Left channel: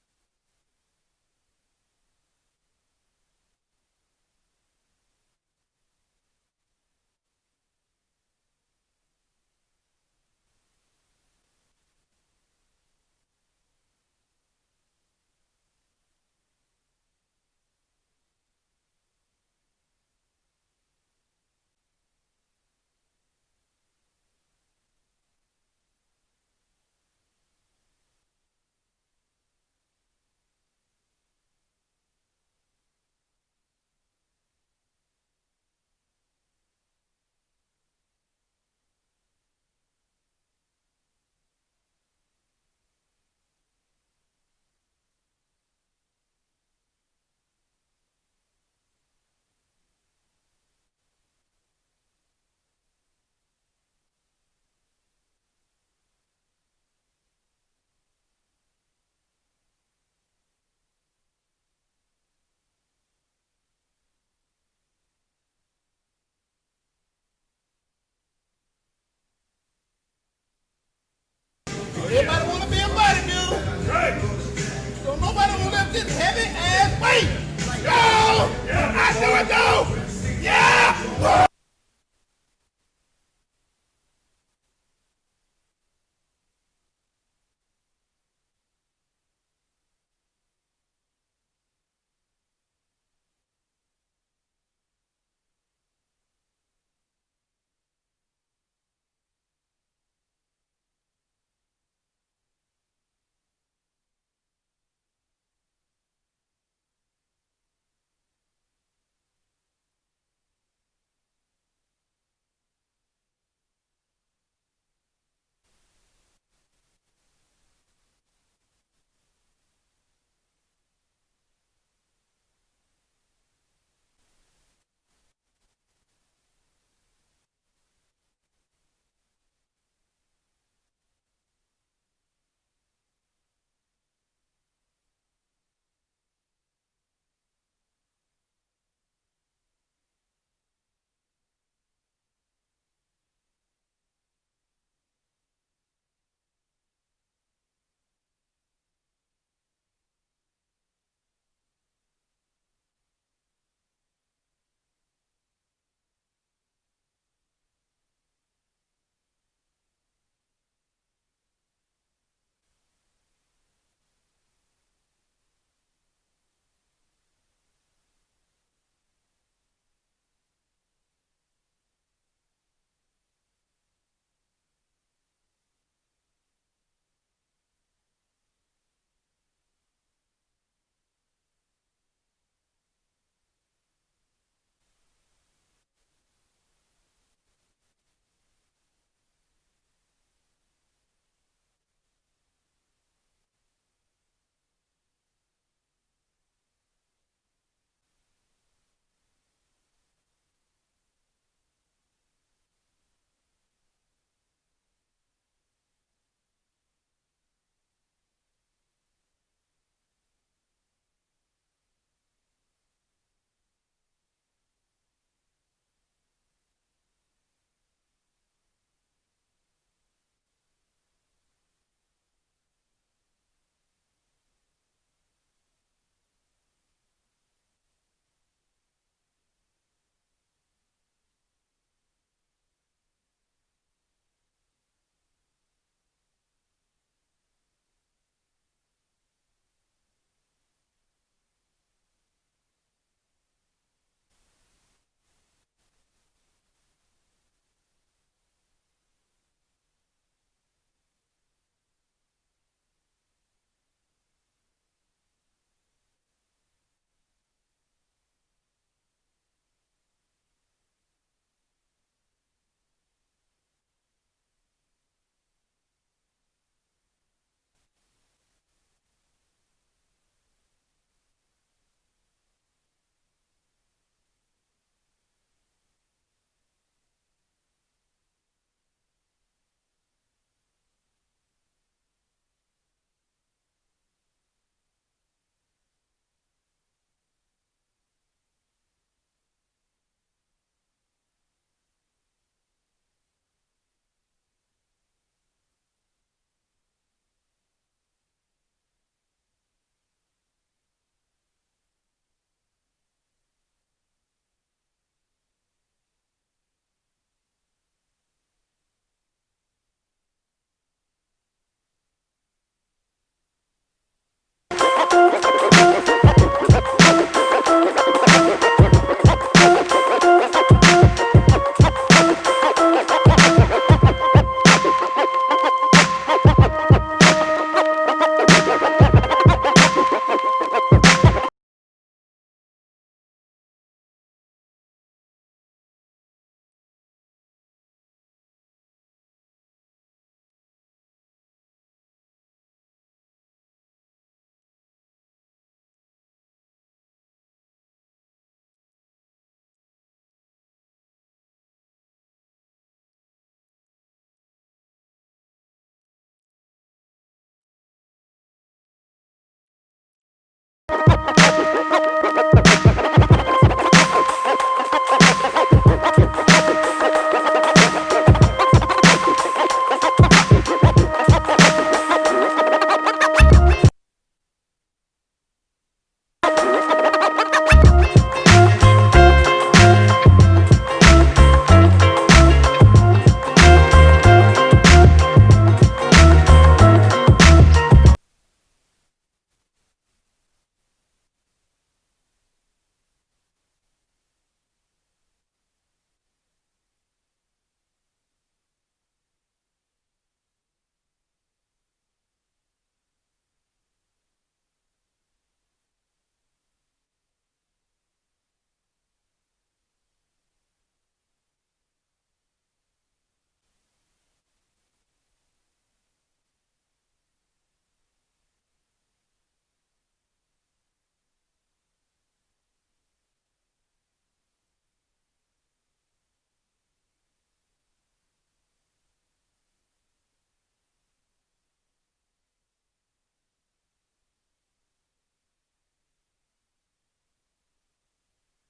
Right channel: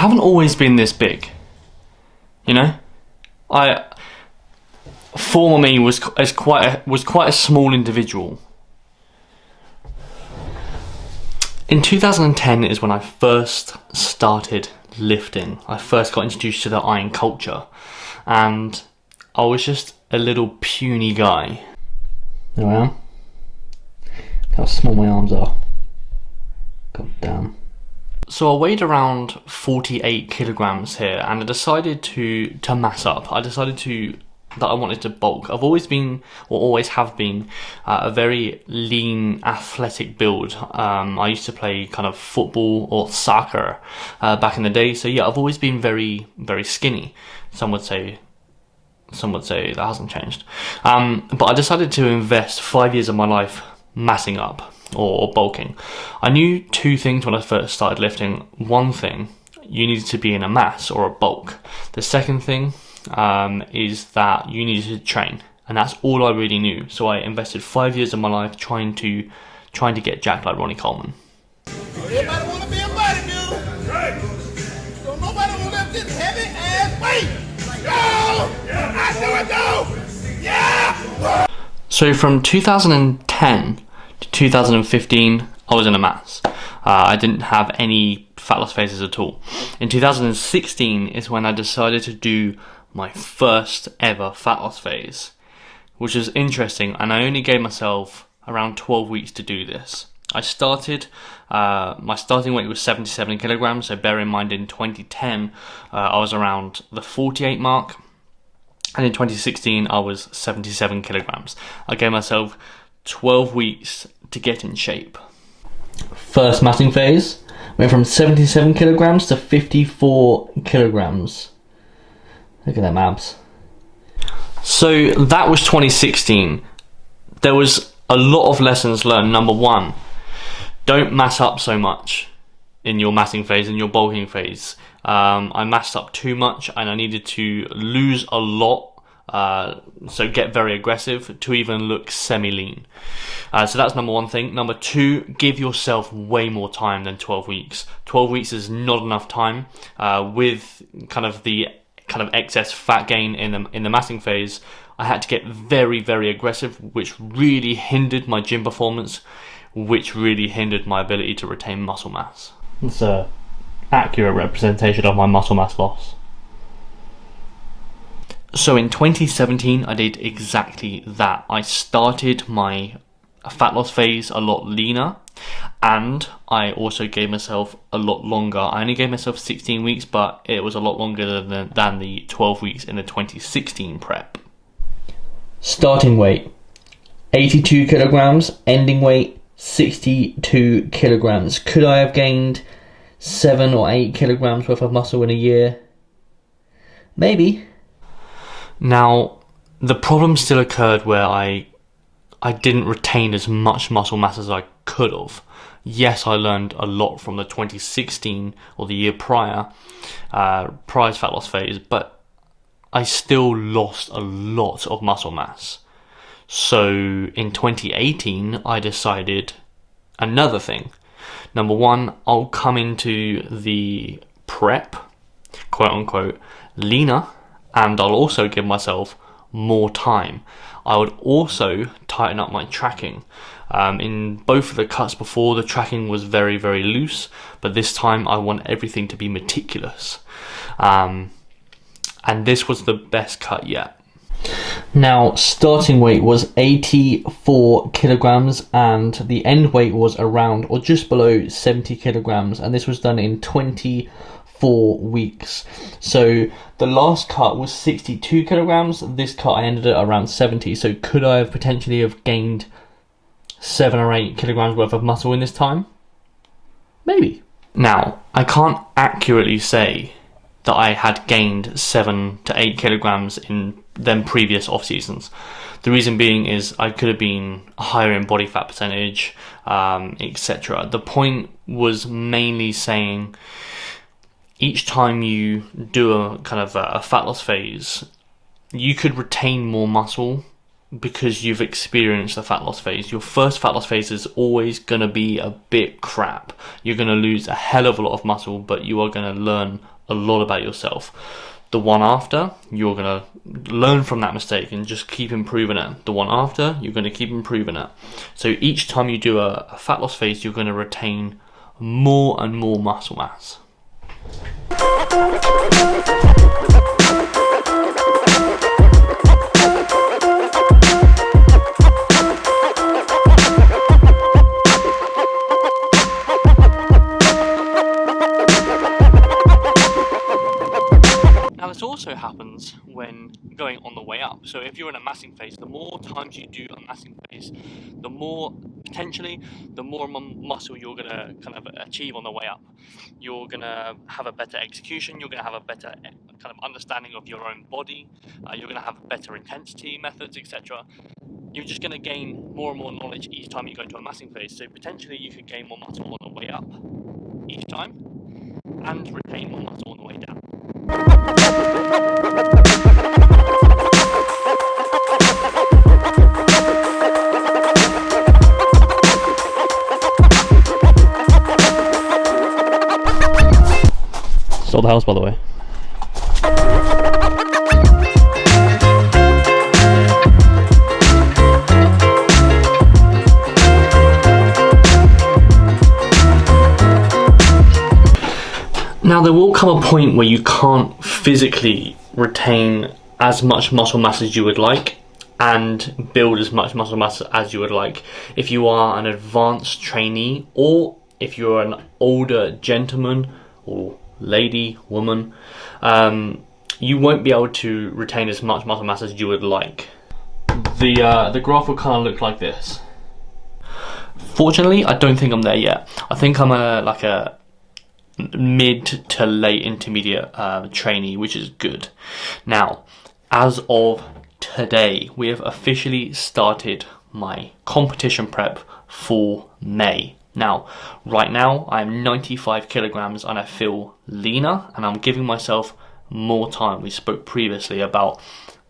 I haven't always been this big. You know, former me was quite a small individual. In 2010 is when I first started lifting. I first got introduced to the iron culture, and I was just a little puny guy. There I am. Look how small my arms are. God damn. So I weighed around 48 kilograms here, and I decided to mass up. I decided that I wanted to bulk. I've always been, or always have been, a very lean, athletic build. I used to play kind of football or soccer back in the day. So yeah, I've always been very, very skinny. Some would say that hasn't changed. But I decided to invest 5 years of my life massing up or bulking. I knew two things when I first started lifting. One thing, you needed to be in a mass or a bulk. The second thing is that you needed to train, and that's all I really knew. So I invested 5 years of my life trying to get jacked like Ronnie Coleman. Everybody want to be a bodybuilder. Right. So nobody want to lift this heavy ass weight. Yo! I do it though! Yeah! So from 2010 to 2015, I was in a mass. I didn't have any fat loss phases at all. In 2016 is when I decided to do my first ever fat loss phase, which was interesting, and I only gave myself around 12 weeks to do this. I started, my starting weight was 77 kilograms, so bear in mind in 2010 I was around the 48 mark, and in 2016 I was 77 kilograms. I gave myself 12 weeks to get in shape. First massing phase, went from 77 kilograms to 54 kilograms. Look at them abs. So that was 2016. There was a lot of lessons learned. Number one, don't mass up so much in your massing phase, in your bulking phase. I massed up too much and I needed to lose a lot, so get very aggressive to even look semi-lean. So that's number one thing. Number two, give yourself way more time than 12 weeks. 12 weeks is not enough time. With kind of the excess fat gain in the massing phase, I had to get very, very aggressive, which really hindered my gym performance, which really hindered my ability to retain muscle mass. It's an accurate representation of my muscle mass loss. So in 2017, I did exactly that. I started my fat loss phase a lot leaner, and I also gave myself a lot longer. I only gave myself 16 weeks, but it was a lot longer than the 12 weeks in the 2016 prep. Starting weight, 82 kilograms. Ending weight, 62 kilograms. Could I have gained 7 or 8 kilograms worth of muscle in a year? Maybe. Now, the problem still occurred where I didn't retain as much muscle mass as I could have. Yes, I learned a lot from the 2016 or the year prior fat loss phase, but I still lost a lot of muscle mass. So in 2018, I decided another thing. Number one, I'll come into the prep, quote unquote, leaner, and I'll also give myself more time. I would also tighten up my tracking. In both of the cuts before, the tracking was very, very loose, but this time I want everything to be meticulous. And this was the best cut yet. Now, starting weight was 84 kilograms and the end weight was around or just below 70 kilograms, and this was done in 24 weeks. So the last cut was 62 kilograms. This cut I ended at around 70. So could I have potentially have gained 7 or 8 kilograms worth of muscle in this time? Maybe. Now, I can't accurately say that I had gained 7 to 8 kilograms in them previous off seasons. The reason being is I could have been higher in body fat percentage, etc. The point was mainly saying each time you do a kind of a fat loss phase, you could retain more muscle because you've experienced the fat loss phase. Your first fat loss phase is always going to be a bit crap. You're going to lose a hell of a lot of muscle, but you are going to learn a lot about yourself. The one after, you're going to learn from that mistake and just keep improving it. The one after, you're going to keep improving it. So each time you do a fat loss phase, you're going to retain more and more muscle mass. This also happens when going on the way up. So if you're in a massing phase, the more times you do a massing phase, the more muscle you're going to kind of achieve on the way up. You're going to have a better execution, you're going to have a better kind of understanding of your own body, you're going to have better intensity methods, etc. You're just going to gain more and more knowledge each time you go into a massing phase. So potentially you could gain more muscle on the way up each time and retain more muscle on the way down. Sold the house, by the way. Now there will come a point where you can't physically retain as much muscle mass as you would like and build as much muscle mass as you would like. If you are an advanced trainee, or if you're an older gentleman or lady, woman, you won't be able to retain as much muscle mass as you would like. The graph will kind of look like this. Fortunately, I don't think I'm there yet. I think I'm like a mid to late intermediate trainee, which is good. Now, as of today, we have officially started my competition prep for May. Now, right now, I'm 95 kilograms and I feel leaner, and I'm giving myself more time. We spoke previously about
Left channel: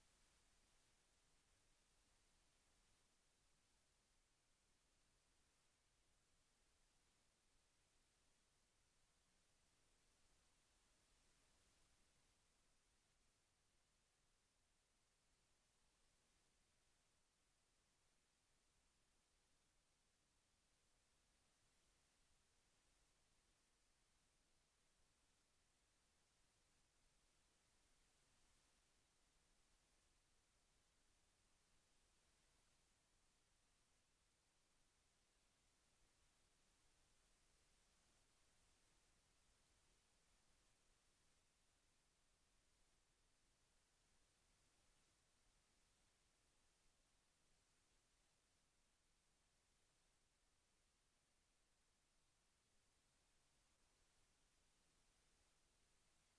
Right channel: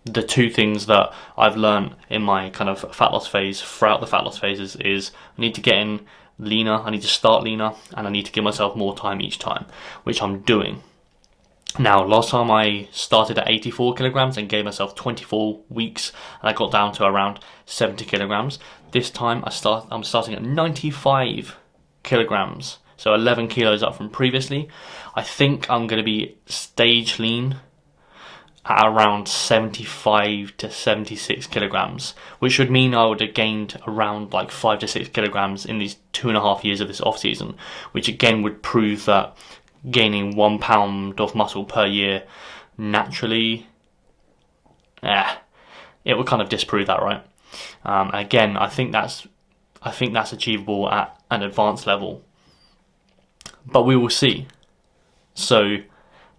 the two things that I've learned in my kind of fat loss phase, throughout the fat loss phases, is I need to get in leaner, I need to start leaner, and I need to give myself more time each time, which I'm doing. Now, last time I started at 84 kilograms and gave myself 24 weeks, and I got down to around 70 kilograms. This time I'm starting at 95 kilograms, so 11 kilos up from previously. I think I'm going to be stage lean at around 75 to 76 kilograms, which would mean I would have gained around like 5 to 6 kilograms in these 2.5 years of this off season, which again would prove that gaining 1 pound of muscle per year naturally, it would kind of disprove that, right? Again, I think that's achievable at an advanced level, but we will see. So,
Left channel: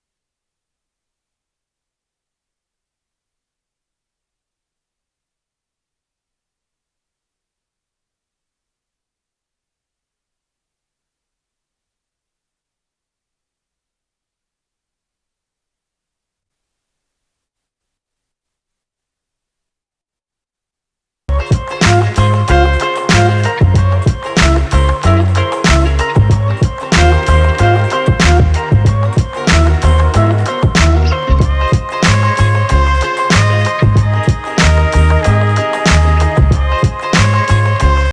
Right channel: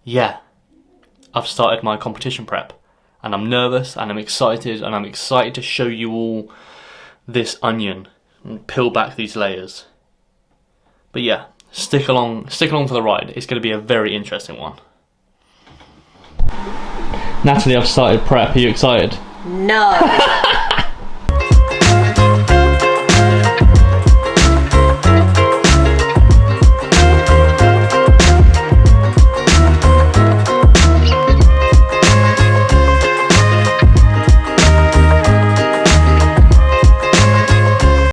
yeah. I've started my competition prep, and I'm nervous and I'm excited, and I'm excited to show you all this onion and peel back these layers. But yeah, stick along for the ride. It's going to be a very interesting one. Natalie, I've started prep. Are you excited? No.